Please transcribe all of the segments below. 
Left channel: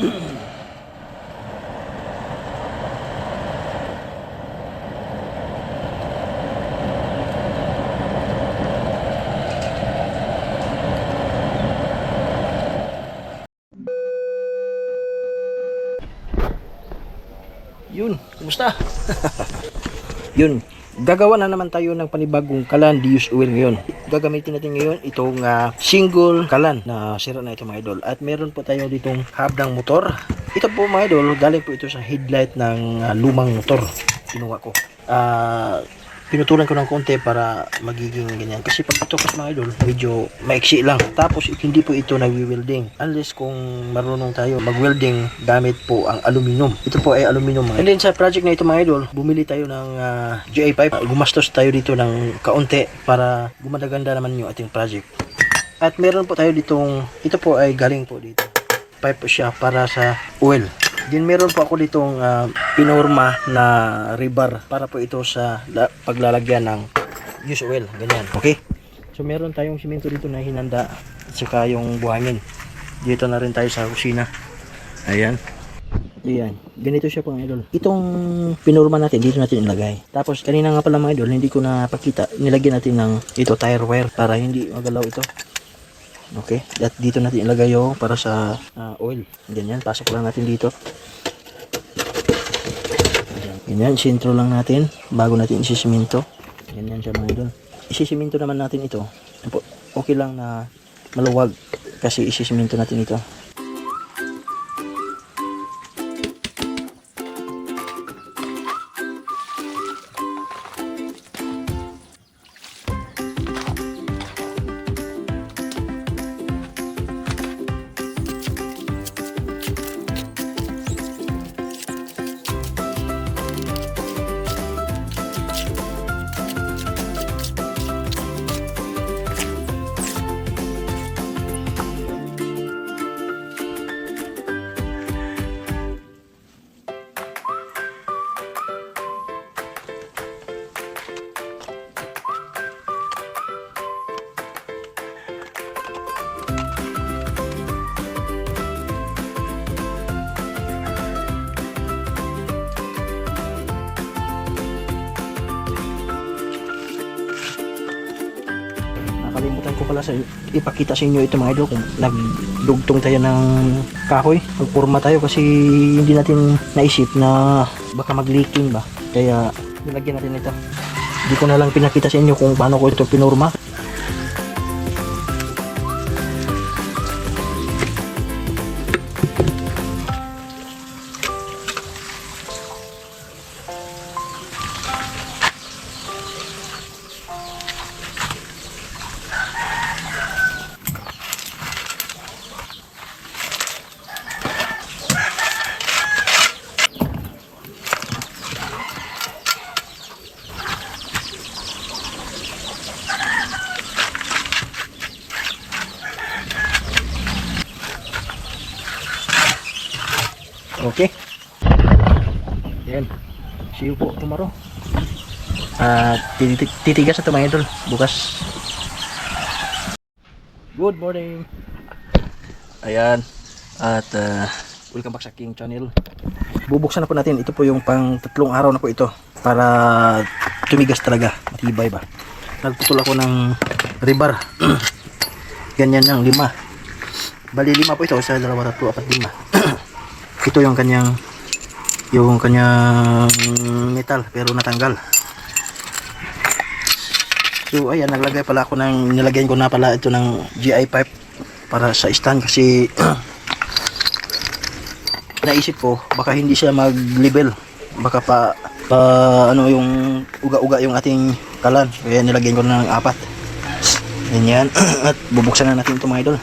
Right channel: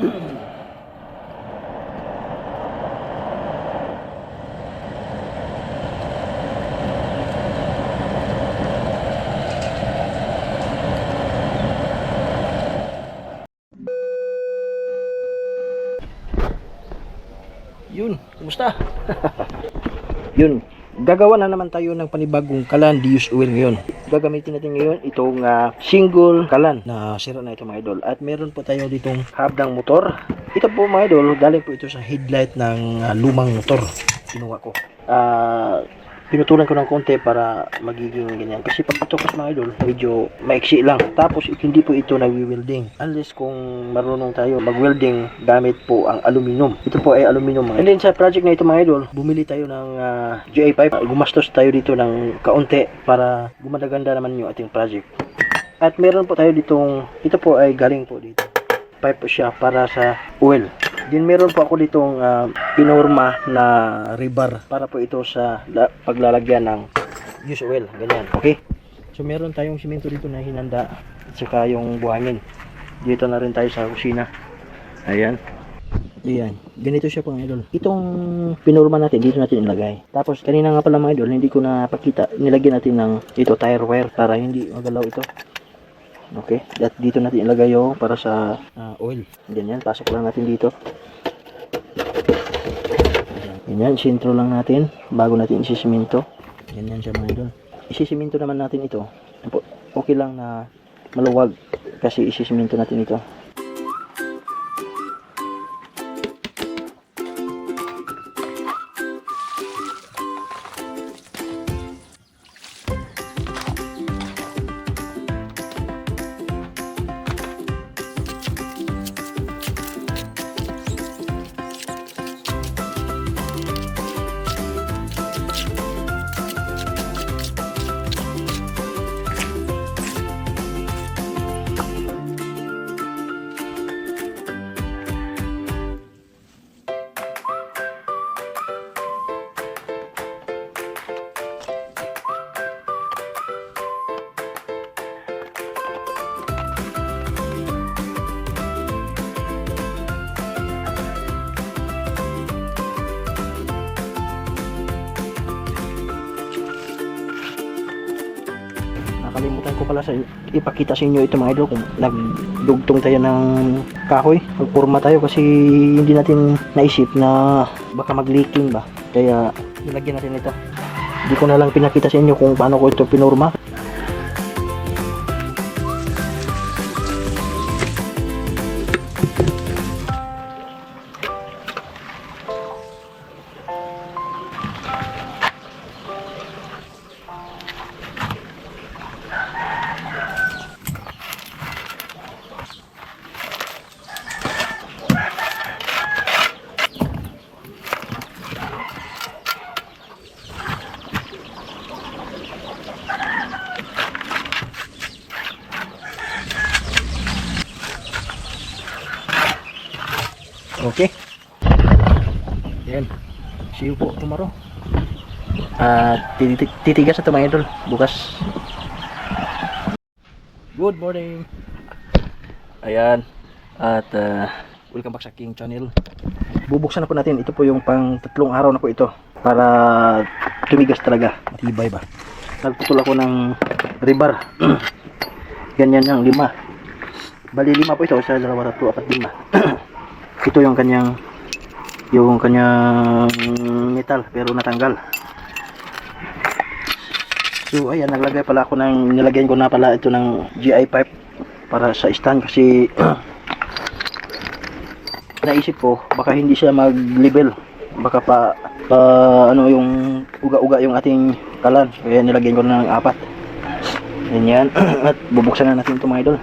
Yun, kumusta? Yun, gagawa na naman tayo ng panibagong kalan Dius oil ngayon. Gagamitin natin ngayon itong single kalan na sira na ito mga idol. At meron po tayo ditong hub ng motor. Ito po mga idol, galing po ito sa headlight ng lumang motor. Kinuha ko. Pinutulan ko ng konti para magiging ganyan. Kasi pag ito kasi mga idol, medyo maiksi lang. Tapos hindi po ito nagwi-welding. Unless kung marunong tayo mag-welding gamit po ang aluminum. Ito po ay aluminum. And then sa project na ito mga idol, bumili tayo ng GA pipe. Gumastos tayo dito ng kaunti para gumanda-ganda naman yung ating project. At meron po tayo ditong, ito po ay galing po dito. Pipe po siya para sa oil. Din meron po ako ditong pinorma na rebar para po ito sa paglalagyan ng use oil, ganyan. Okay? So meron tayong simento dito na hinanda at saka yung buhangin. Dito na rin tayo sa kusina. Ayan. Ayan. Ganito siya pang idol. Itong pinorma natin dito natin ilagay. Tapos kanina nga pala mga idol, hindi ko napakita. Nilagyan natin ng ito tire wire para hindi magalaw ito. Okay, at dito natin ilagay yung para sa oil. Ganyan, pasok lang natin dito. Ganyan, sintro lang natin bago natin isisiminto. Ganyan siya mga idol. Isisiminto naman natin ito. Okay lang na maluwag kasi isisiminto natin ito. Nakalimutan ko pala ipakita sa inyo ito mga idol kung nagdugtong tayo ng kahoy, magpurma tayo kasi hindi natin naisip na baka mag-leaking ba, kaya nilagyan natin ito. Hindi ko na lang pinakita sa inyo kung paano ko ito pinurma. Okay. Yan. See you po tomorrow. Titigas na ito mga idol. Bukas. Good morning. Ayan. At welcome back sa King Channel. Bubuksan na po natin. Ito po yung pang 3 araw na po ito. Para tumigas talaga. Matibay ba. Nagputol ako ng rebar. Ganyan yung 5. Bali 5 po ito. 1, 2, 3, 4, 5. Ito yung kanyang metal pero natanggal. So ayan, nilagyan ko na pala ito ng GI pipe para sa stand kasi naisip ko baka hindi siya mag-level, baka pa ano yung uga-uga yung ating kalan, kaya nilagyan ko na ng 4. Ganyan. At bubuksan na natin ito mga idol.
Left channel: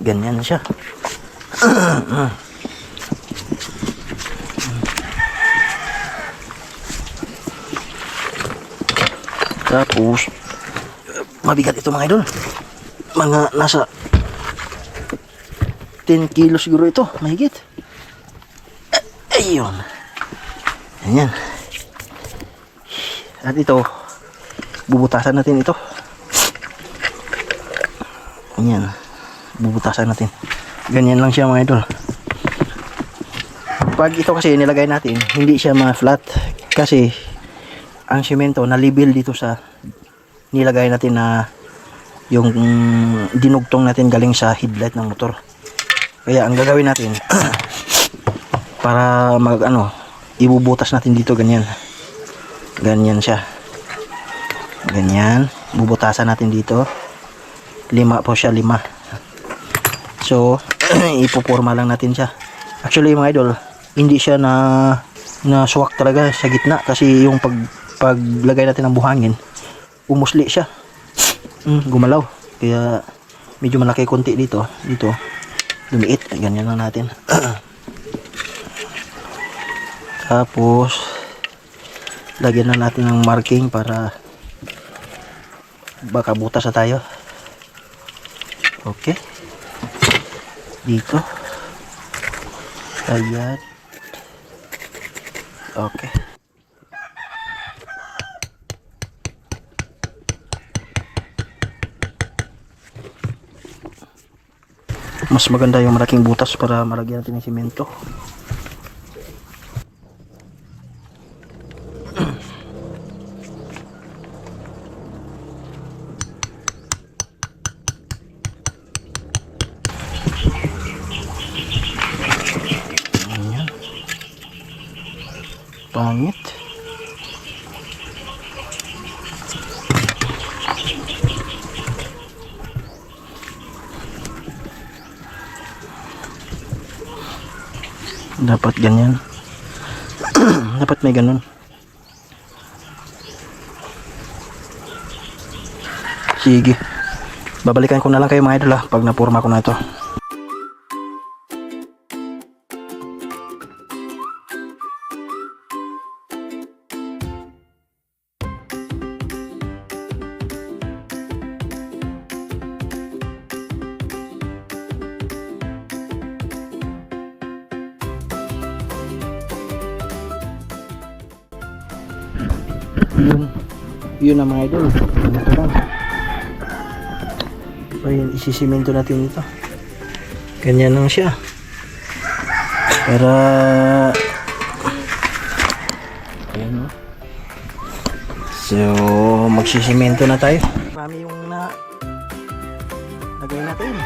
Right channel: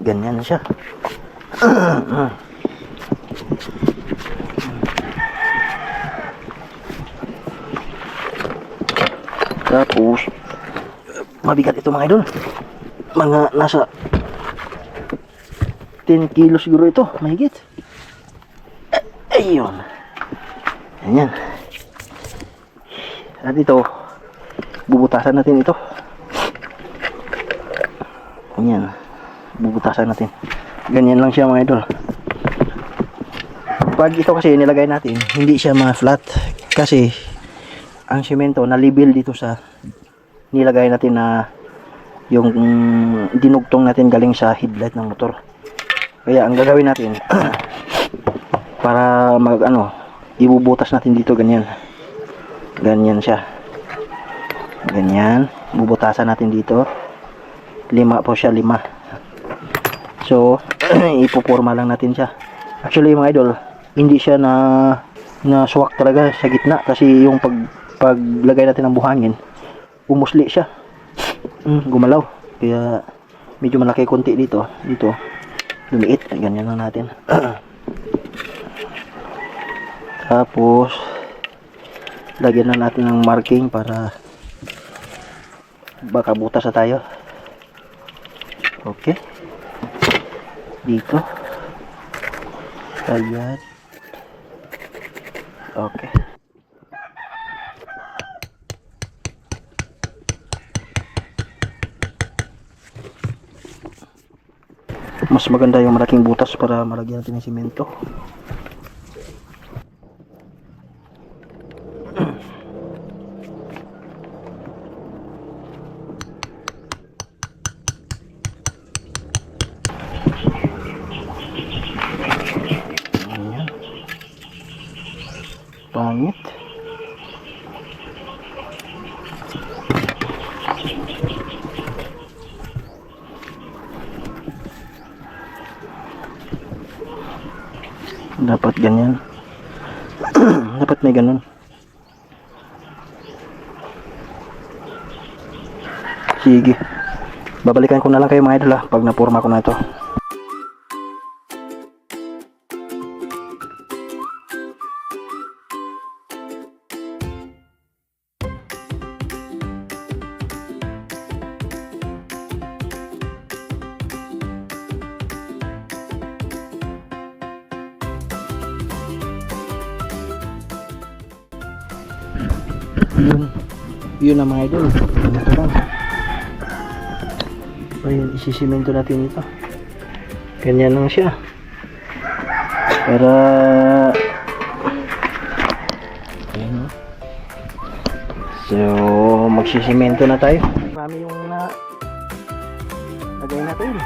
Ganyan siya. Tapos, mabigat ito mga idol. Mga nasa 10 kilos siguro ito, mahigit. Ayun. Ayan. At ito, bubutasan natin ito. Ayan. Bubutasan natin. Ganyan lang siya mga idol. Pag ito kasi nilagay natin, hindi siya ma-flat. Kasi, ang simento na level dito sa nilagay natin na yung dinugtong natin galing sa headlight ng motor. Kaya ang gagawin natin para ibubutas natin dito ganyan. Ganyan siya. Ganyan, bubutasan natin dito. 5 po siya, 5. So, ipoporma lang natin siya. Actually mga idol, hindi siya na swak talaga sa gitna kasi yung paglagay natin ng buhangin, umusli siya. Gumalaw. Kaya medyo malaki konti dito. Dito lumiit. Ganyan lang natin. Tapos lagyan na natin ng marking para baka butas na tayo. Okay. Dito. Ayan. Okay. Mas maganda yung malaking butas para malagyan natin ng simento. Ayan. Pangit. Dapat ganyan. Dapat may ganun. Sige. Babalikan ko na lang kayo mga idol pag napurma ko na ito. Yun na mga idol. Ito lang. Ayun, isisimento natin ito. Ganyan lang siya. Para ayun. So, magsisimento na tayo. Marami yung lagay natin.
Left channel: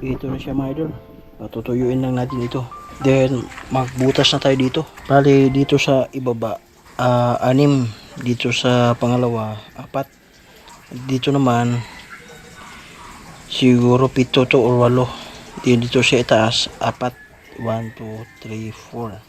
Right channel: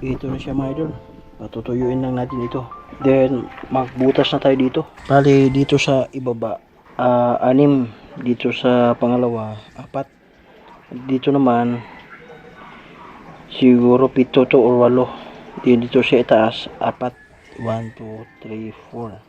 Ito na siya mga idol. Patutuyuin lang natin ito. Then magbutas na tayo dito. Bali dito sa ibaba 6, dito sa pangalawa 4, dito naman siguro 7 to or 8. Dito sa itaas 4. 1, 2, 3, 4.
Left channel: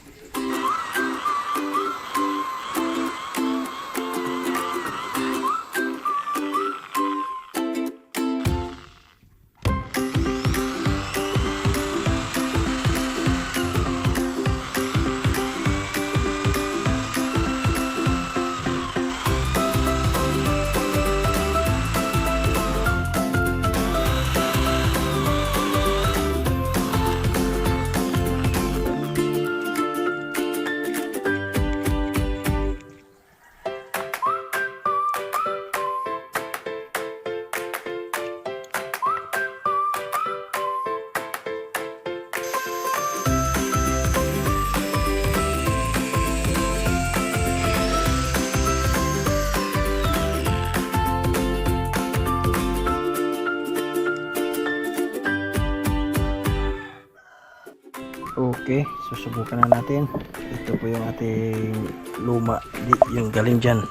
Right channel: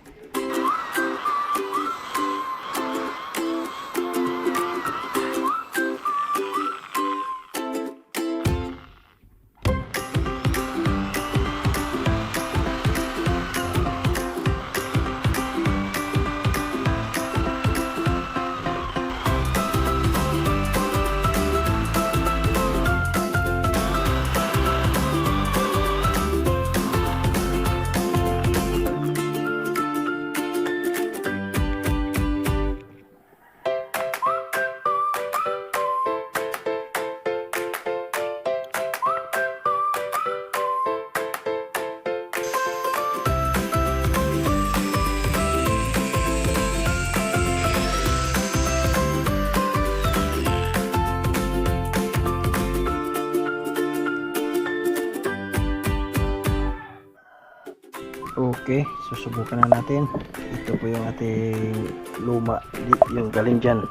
Okay, susubukan na natin. Ito po yung ating luma, yung galing dyan.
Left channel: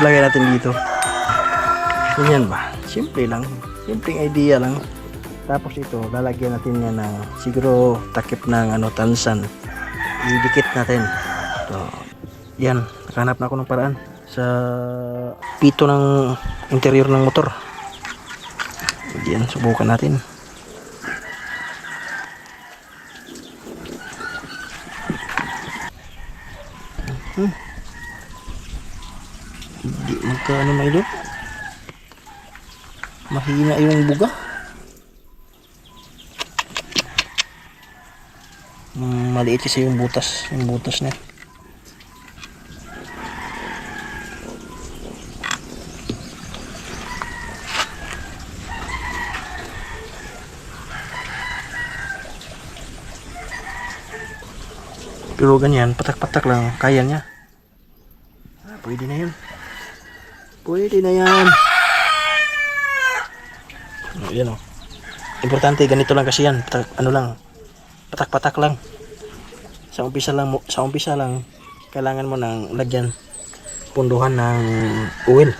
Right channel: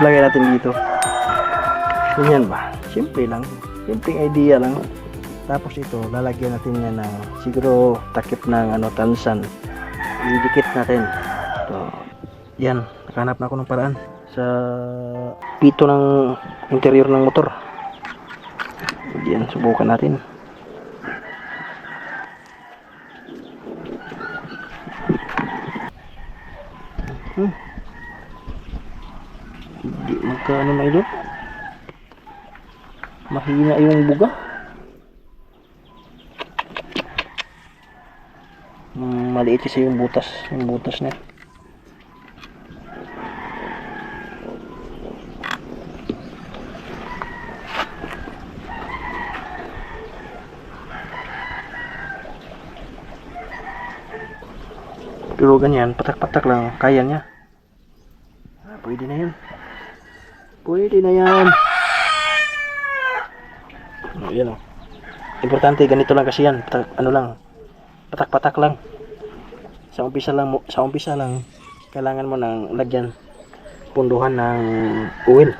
Lagay natin dito. Ganyan ba? Simple lang. Simpleng idea lang. Tapos ito, lalagyan natin yan ng siguro takip ng tansan. Idikit natin. So, yan, nakahanap na ako ng paraan sa pito ng interior ng motor. Yan, subukan natin. Hindi magkano na ilo. Mahina yung buga. Maliit kasi yung butas. Yung butas na. Pero ganyan, patak-patak lang. Kaya niya. Pwede na yan. Pwede na yan. Yan o. Importante, ganito lang kasi yan. Patak-patak lang. Sa umpisa lang, kailangan mo ng lagyan, punduhan ng oil.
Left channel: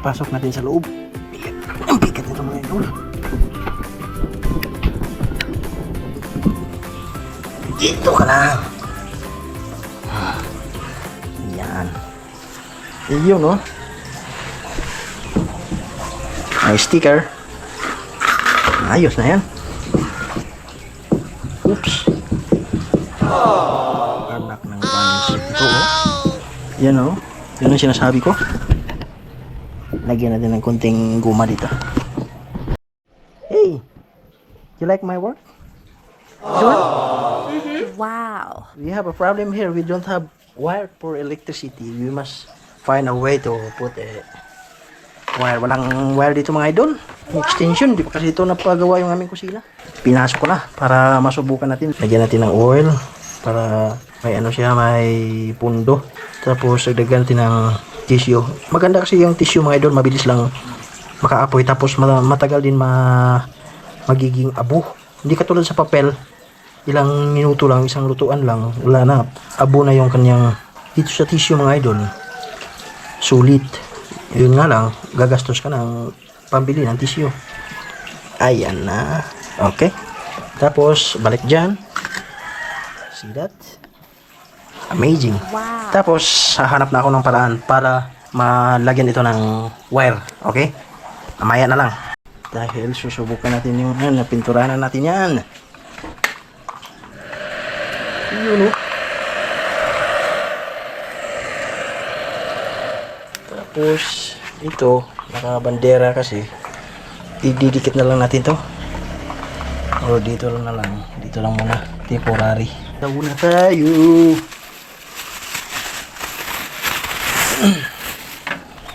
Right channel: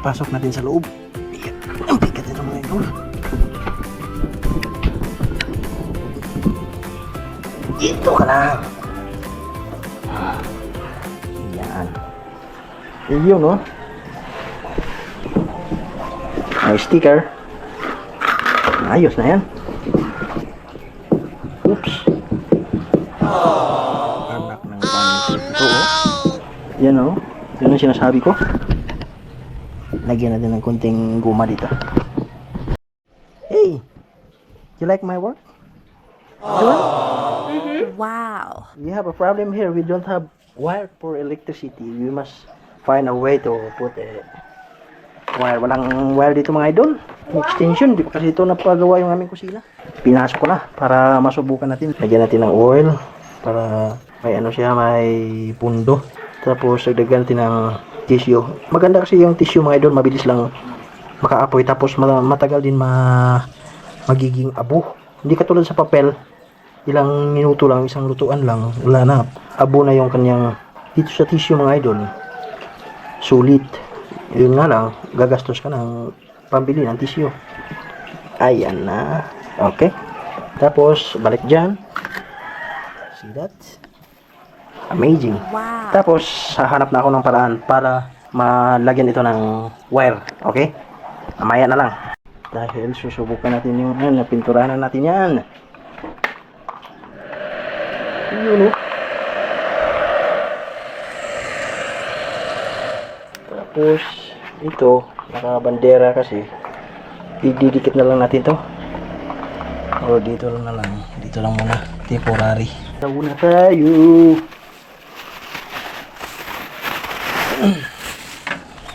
Pasok natin sa loob. Ang bigat ito mga idol. Dito ka lang. Yan. Yun no. May sticker. Ayos na yan. Oops. Anak ng ito. Yan no. Yan ang sinasabi ko. Lagyan natin ng konting guma dito. Hey! You like my work? Wow. We have a problem here. We don't have wire for electricity. We must find a way to put a wire. Walang wire dito mga idol. Extension. Di pa kasi ito napagawa yung aming kusina. Pinasok ko na para masubukan natin. Lagyan natin ng oil para may may pundo. Tapos lagyan natin ng tissue. Maganda kasi yung tissue mga idol, mabilis lang makaapoy tapos matagal din magiging abo. Hindi katulad sa papel, ilang minuto lang, isang lutuan lang, wala na. Abo na yung kanyang dito sa tissue mga idol. Sulit. Yun nga lang, gagastos ka ng pambili ng tissue. Ayan na. Okay. Tapos balik dyan. See that? Amazing. Wow. Tapos, hahanap na ako ng paraan para malagyan ito ng wire. Okay? Mamaya na lang. Dahil susubukan natin yung pinturahan natin yan. Yun o. Tapos, ito, nakabandera kasi. Ididikit na lang natin to. O, dito lang na lang. Dito lang muna. Temporary. Tawag na tayo.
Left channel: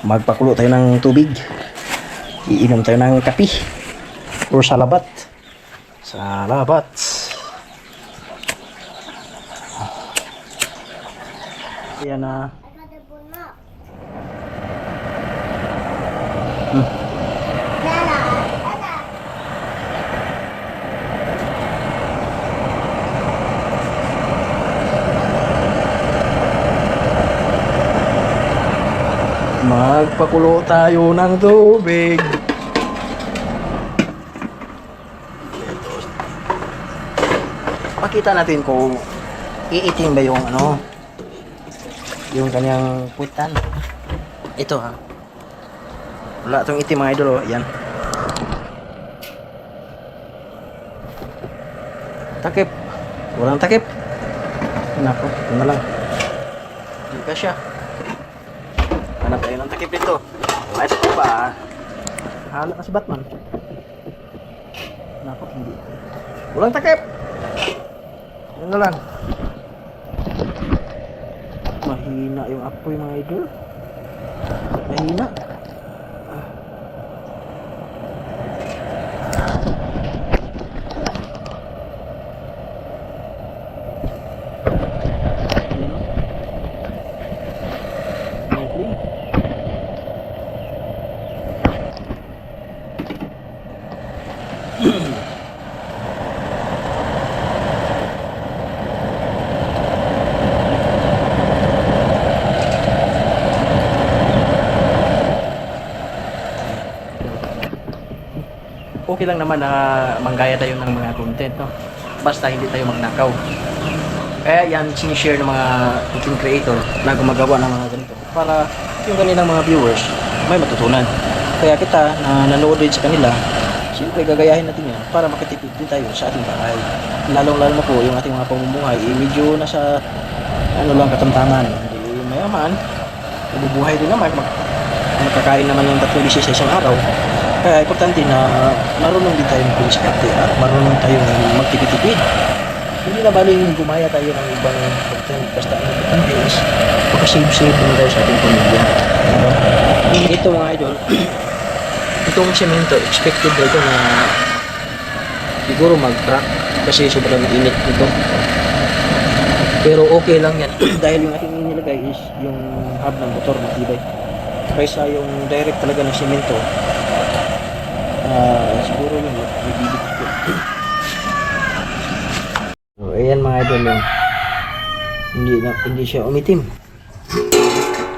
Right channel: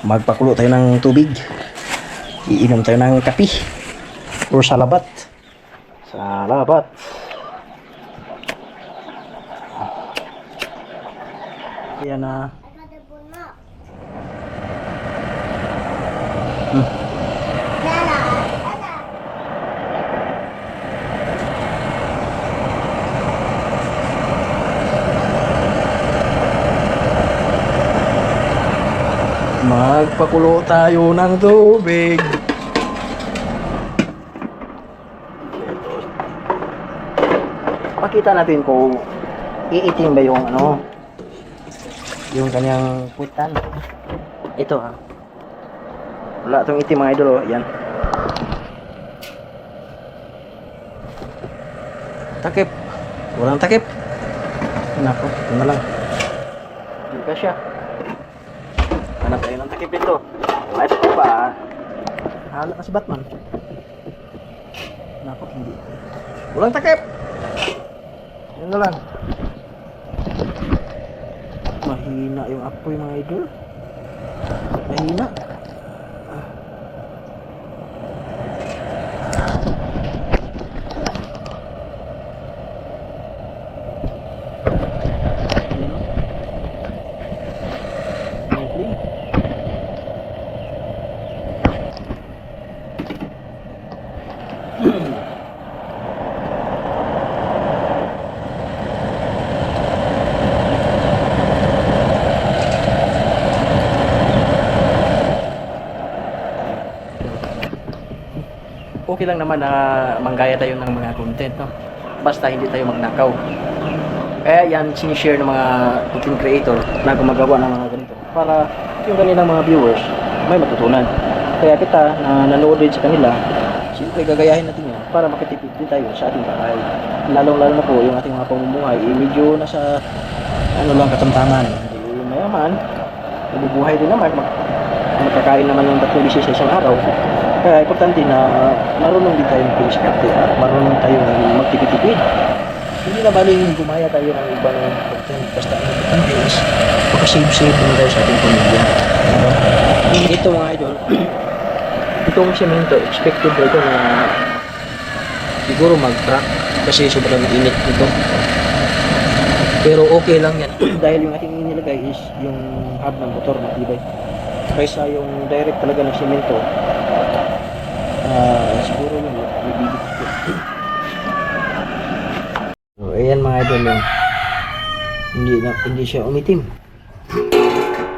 Magpakulo tayo ng tubig. Iinom tayo ng kape or salabat. Salabat. Ayan na. Magpakulo tayo ng tubig. makikita natin kung iitim ba yung ano, yung kanyang puwitan. Ito ha. Wala itong itim mga idol, oh. Yan. Takip. Walang takip. Nako, ito na lang. Hindi ka siya. Hanap tayo ng takip dito. Ay, ito ba? Hala ka si Batman. Nako, hindi. Walang takip. Yan na lang. Mahina yung apoy mga idol. Mahina. Okay lang naman na manggaya tayo ng mga content, no? Basta hindi tayo magnakaw. Kaya yan sinishare ng mga content creator na gumagawa ng mga ganito para yung kanilang mga viewers may matutunan. Kaya kita na nanood din sa kanila, siyempre gagayahin natin yan para makatipid din tayo sa ating bahay. Lalong-lalo na po yung ating mga pamumuhay, medyo nasa ano lang katamtaman. Hindi mayaman, nabubuhay din naman, magkakain naman ng 3 beses sa isang araw. Kaya importante na marunong din tayo mag-diskarte at marunong tayo magtipid-tipid. Hindi na baling gumaya tayo ng ibang content. Basta ang importante is makasave-save na tayo sa ating pamilya. Diba? Ito mga idol, itong semento, expected na ito na siguro mag-crack kasi sobrang init nito. Pero okay lang yan dahil yung ating inilagay is yung hub ng motor matibay. Kaysa yung direct talaga ng semento, siguro yun magbibigit ko. So ayan mga idol, hindi siya umitim.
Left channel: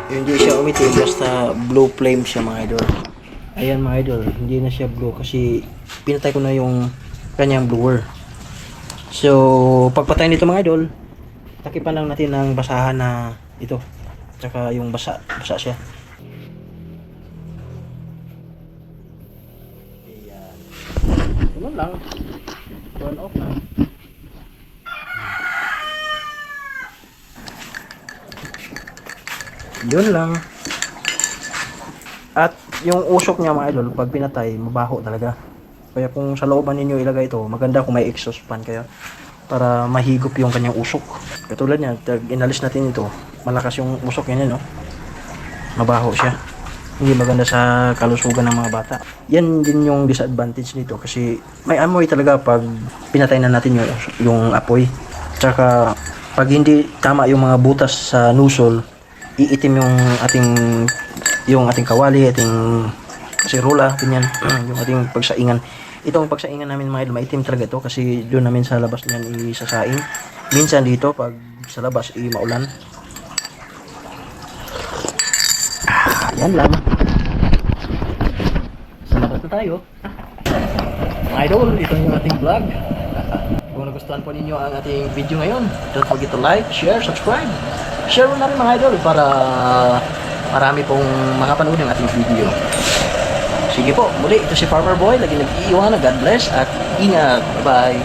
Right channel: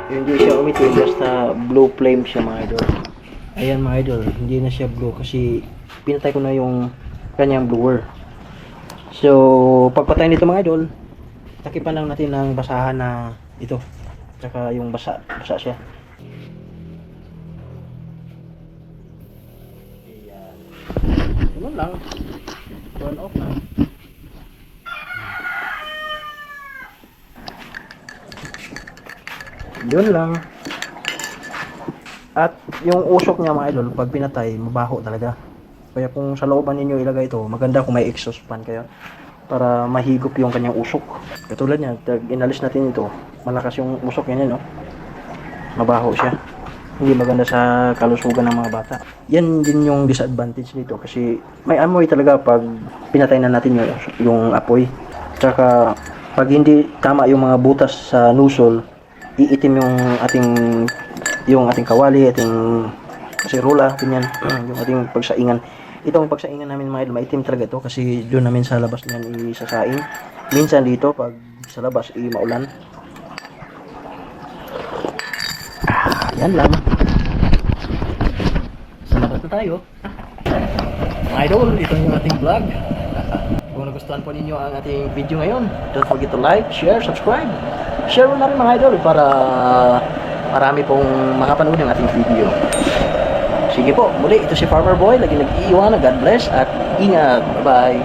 Hindi siya umitim, basta blue flame siya mga idol. Ayan mga idol, hindi na siya blue kasi pinatay ko na yung kanyang blower. So pagpatay nito mga idol, takipan lang natin ng basahan na ito, tsaka yung basa siya. Ganun lang. Turn off na. Yun lang. At yung usok niya mga idol, pag pinatay, mabaho talaga. Kaya kung sa looban ninyo ilagay ito, maganda kung may exhaust fan kayo para mahigop yung kanyang usok. Katulad niya, inalis natin ito, malakas yung usok niya, no? Mabaho siya. Hindi maganda sa kalusugan ng mga bata. Yan din yung disadvantage nito kasi may amoy talaga pag pinatay na natin yung apoy. Tsaka pag hindi tama yung mga butas sa nozzle, iitim yung ating kawali, ating kasirola, ganyan, yung ating pagsaingan. Itong pagsaingan namin mga idol, maitim talaga ito kasi doon namin sa labas niyan isasaing. Minsan dito pag sa labas maulan. Yan lang. Salamat na tayo. Mga idol, ito yung ating vlog. Kung nagustuhan po ninyo ang ating video ngayon, don't forget to like, share, subscribe. Share mo na rin mga idol para marami pong makapanood ng ating video. Sige po, muli ito si Farmer Boy, lagi nag-iiwan. God bless at ingat. Bye-bye.